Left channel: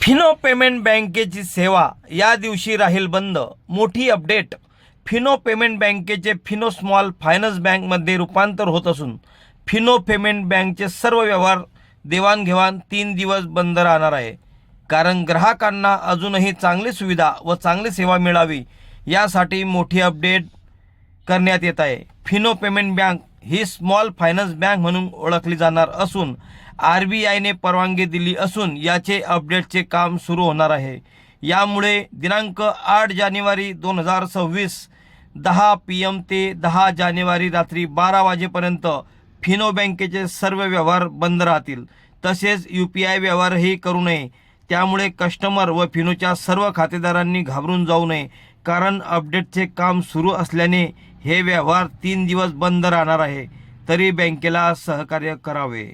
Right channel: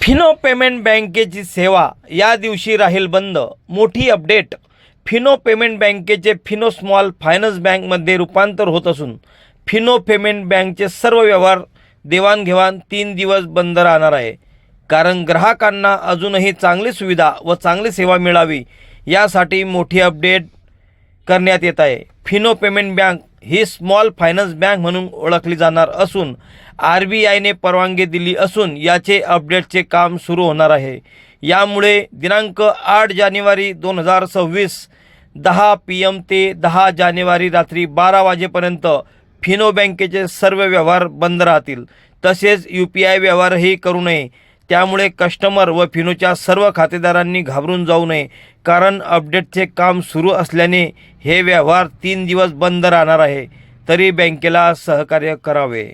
Fino payment बँकेची सेवा या दिवशी राहील बंद. मोठी अपडेट. फिनो पेमेंट बँकेचे फिनो स्मॉल फायनान्स बँकमध्ये रूपांतर होत असून फिनो पेमेंट बँकचे सर्व व्यवहार देवाणघेवाण 3 दिवस बंद राहणार आहे. कारण ग्राहकांना अजूनही चांगली सुविधा व चांगली सेवा मिळावी यासाठी मोठी अपडेट करण्यात येत आहे. फिनो पेमेंट बँक ही स्मॉल फायनान्स बँक म्हणून ओळखली जाणार असून RBIने परवानगी दिली असून याचे अपडेटचे काम सुरू होणार आहे. यामुळे दिनांक 8 जानेवारी 2026 10 PM ते 10 जानेवारी रात्री 12 वाजेपर्यंत फिनो बँकेचे सर्व व्यवहार बंद राहतील. तसेच UPI व्यवहारही करू नये. त्यामुळे कस्टमर व फिनोच्या सर्व खातेदारांनी घाबरून जाऊ नये. कारण अपडेटचे काम सुरू असल्याने हे व्यवहार 3 दिवस बंद राहणार आहे. तरी बँकेला सहकार्य करावे.